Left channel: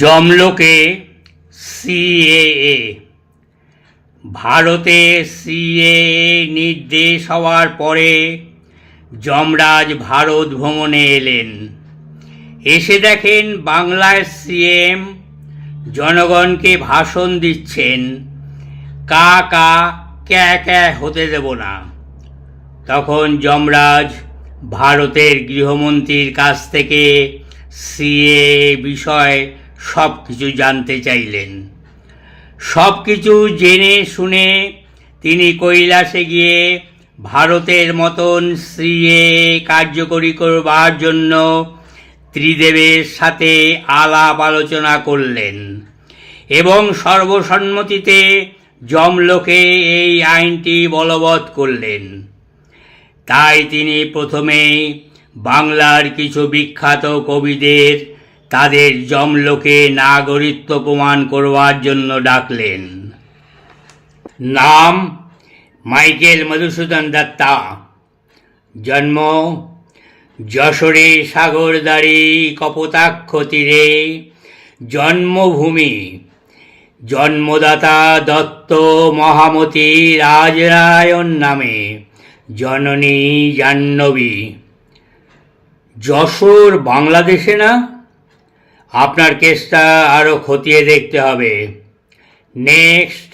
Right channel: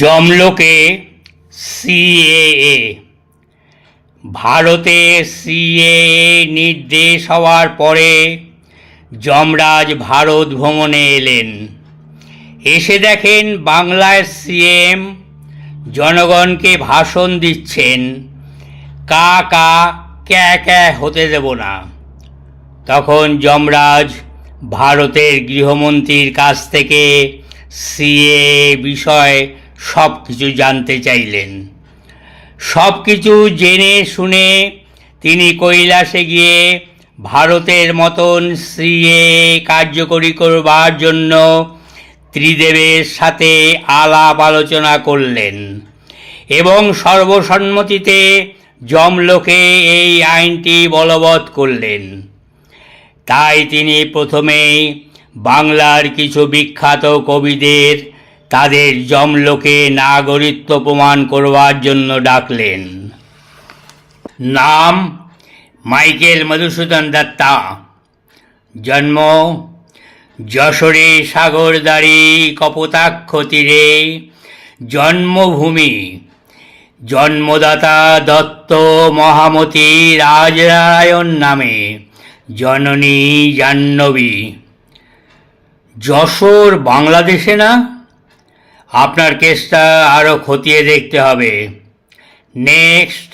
জমলোকে CAA. ভারতে CAA নির্দেশ হওয়ার পরে যমরাজ ভারত ভ্রমণে এলেন। এসে দেখেন বাংলার সিএম জনগণকে ভাষণ দিচ্ছেন, কা কা ক্যা ক্যা হতে দেব না। তখন যমরাজ ভারতের গৃহমন্ত্রীর কাছ থেকে সিএএ বিষয় সব কিছু জানতে চাইলেন। সব কিছু জেনে শুনে তিনি কৈলাসে গিয়ে ভারতের মতন সিএএ কার্যকরী করবার জন্য ত্রিদেবের সাথে আলাপ আলোচনা করলেন এবং সর্বসম্মতিতে যমলোকে এই আইনটি বলবৎ করলেন। তাই তিনি প্রথমেই বাংলার কিছু বিখ্যাত কবিদের তাদের যমলোকে নাগরিকত্ব প্রমাণ করবার জন্য ডাকলেন। নাম মাইকেল মধুসূদন দত্তা। জন্ম যশোরে সাগরদাড়ি কপোতাক্ষ তীরে। জন্মভূমি জন্মদাতা দত্ত মহামতি রাজরায়ণ নামে। জননী জাহ্নবী। যশোর বাংলাদেশে না? আপনার কেসটা আরও খতিয়ে দেখতে হবে। নেক্সট।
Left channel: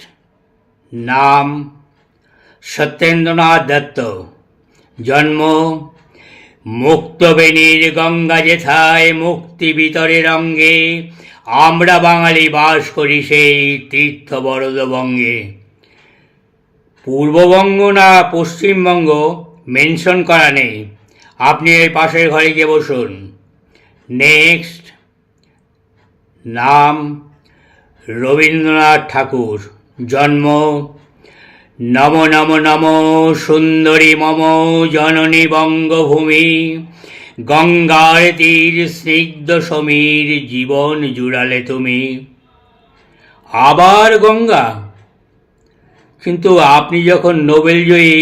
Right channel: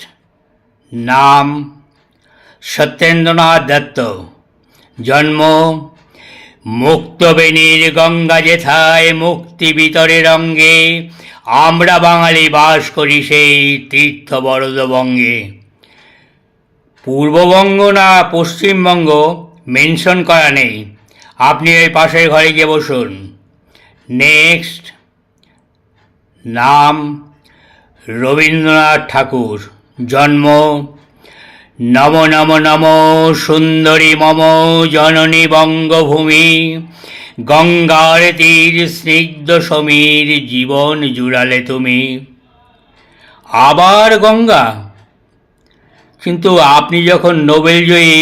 নাম সত্যেন্দ্রনাথ দত্ত। জন্ম মুক্তবেণীর গঙ্গা যেথায় মুক্তি বিতরে রঙ্গে। আমরা বাঙালি বাস করি সেই তীর্থ বরদবঙ্গে। পূর্ববঙ্গ না পশ্চিমবঙ্গ মেনশন করা নেই, আপনি ওই পাশের ঘরে গিয়ে বসুন। নেক্সট। নাম রবীন্দ্রনাথ ঠাকুর। জন্ম নম নম নম সুন্দরী মম জননী বঙ্গভূমি। গঙ্গার তীর স্নিগ্ধ সমীর জীবন জুড়ালে তুমি। আবার গঙ্গা? কিন্তু আপনি যখন নোবেল জয়ী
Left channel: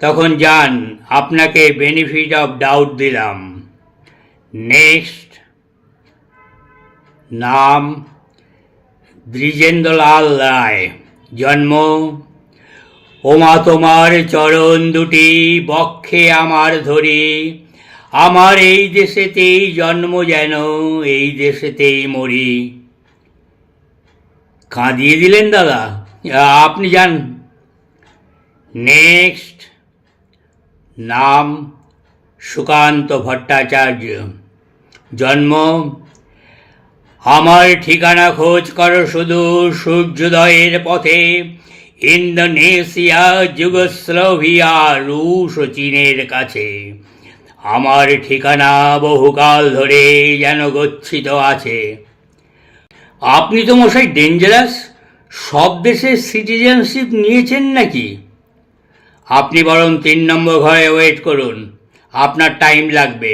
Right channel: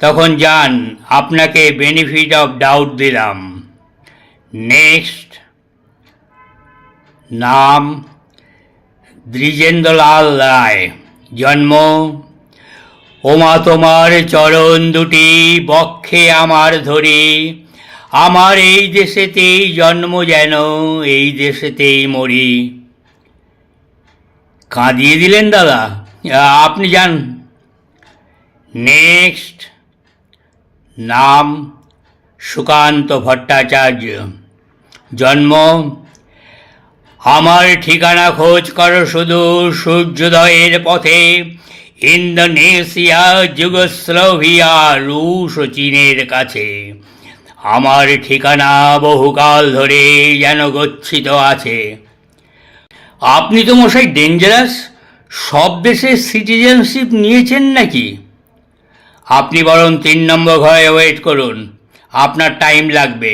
তখন যান, আপনাকে বেনিফিট অফ ডাউট দিলাম। নেক্সট। নাম দ্বিজেন্দ্রলাল রায়। জন্ম ওমা তোমার চরণ দুটি বক্ষে আমার ধরি। আমার এই দেশেতেই জন্ম যেন এই দেশেতেই মরি। কাঁদিয়ে দিলেন দাদা, আপনি যান। নেক্সট। নাম সুকান্ত ভট্টাচার্য। জন্ম আমার ঠিকানা খোঁজ করো শুধু সূর্যোদয়ের পথে। ইন্দোনেশিয়া যুগোস্লোভিয়া রুশ ও চীনের কাছে। আমার ঠিকানা বহুকাল ধরে যেন গচ্ছিত আছে। আপনি তো মশাই ডেঞ্জারাস। সব দেশের সিটিজেনশিপ নিয়েছেন নাকি? আপনি বরং 3 নম্বর ঘরে ওয়েট করুন, আপনার টাইম লাগবে।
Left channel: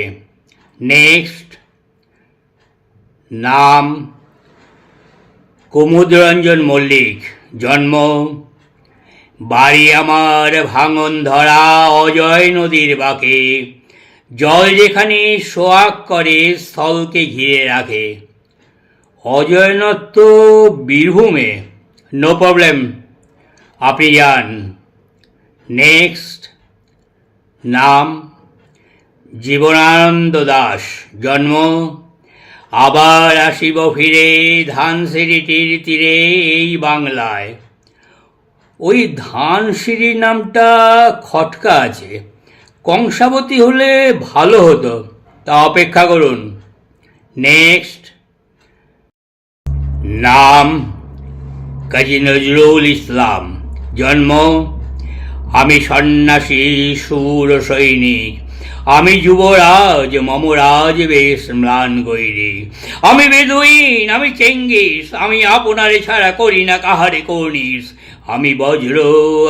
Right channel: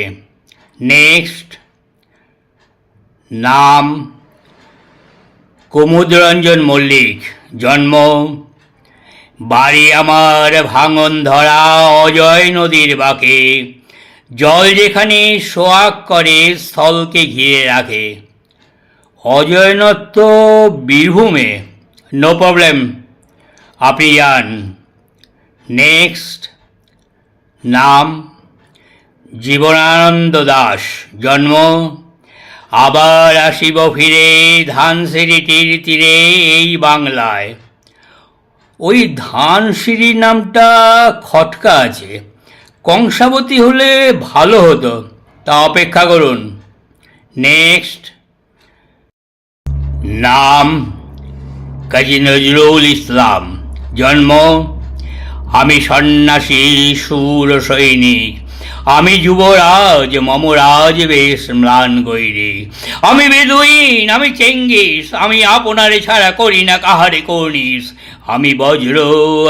নেক্সট। নাম কুমুদরঞ্জন মল্লিক। জন্ম বাড়ি আমার ভাঙন ধরা অজয় নদীর বাঁকে। জল যেখানে সোয়াগ করে স্থলকে ঘিরে রাখে। অজয়নদ তো বীরভূমে। নো প্রবলেম, আপনি যান। নেক্সট। নাম জীবনানন্দ দাস। জন্ম আবার আসিব ফিরে ধানসিঁড়িটির তীরে এই বাংলায়। ওই ধানসিঁড়ি নামটা খটকা আছে, কংসাবতী হলে ভালো হতো, তা অপেক্ষা করুন। নেক্সট। নাম কাজী নজরুল ইসলাম। জন্ম আমি সন্ন্যাসী সুর সৈনিক। আমি যুবরাজ মমরাজ বেশ ম্লান গৈরি। আমি বেদুইন, আমি চেঙ্গিস, আমি আপনারে ছাড়া করি না কাহারে কর্নিস। আমি বজ্র,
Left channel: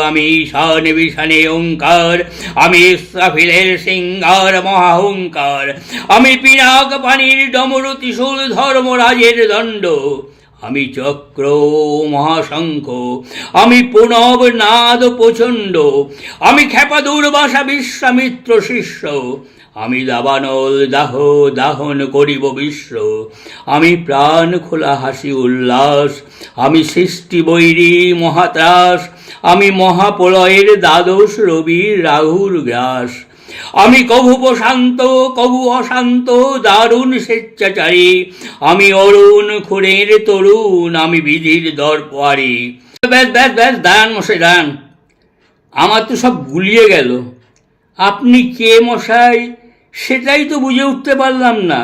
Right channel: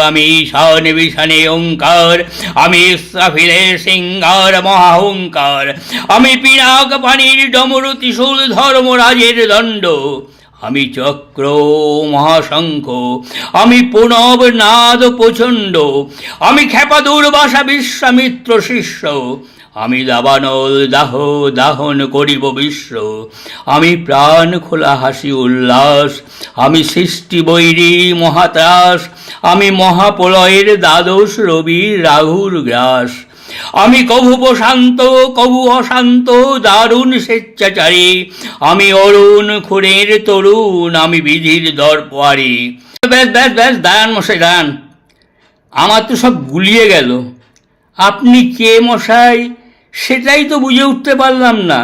আমি ঈশান বিশানে ওঙ্কার। আমি ইসরাফিলের সিংহার মহাহংকার। আমি পিনাক পানির ডমরু ত্রিশূল ধর্মরাজের দণ্ড। আমি চক্র মহাশঙ্খ, আমি প্রণব নাদ প্রচণ্ড। আমি ক্ষেপা দুর্বাসা বিশ্বামিত্র শিষ্য। আমি দাবানল দাহ দাহন করিব বিশ্ব, আমি প্রাণ খোলা হাসি উল্লাস, আমি সৃষ্টি বৈরী মহাত্রাস, আমি মহাপ্রলয়ের দ্বাদশ রবি রাহুর গ্রাস, আমি কভু প্রশান্ত কভু অশান্ত দারুণ স্বেচ্ছাচারী, আমি অরুণ খুনের তরুণ, আমি বিধির দরপারি। ব্যাস ব্যাস ব্যাস, দাঁড়ান মশাই দাঁড়ান, আমার তো সব গুলিয়ে গেল। আপনি কে মশাই সেটাই তো বুঝে উঠতে পারলাম না।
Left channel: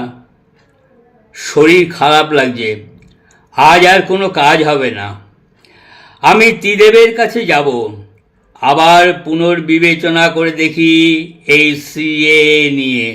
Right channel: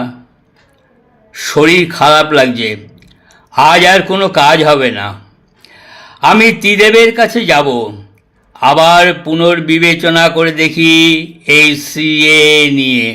শরীর খারাপ লাগছে, আজ আর কোনো কাজ হবে না। আমি ত্রিদেবের কাছে যাব, আবার পুনর্বিবেচনা করে দেখি এই সিএ নিয়ে।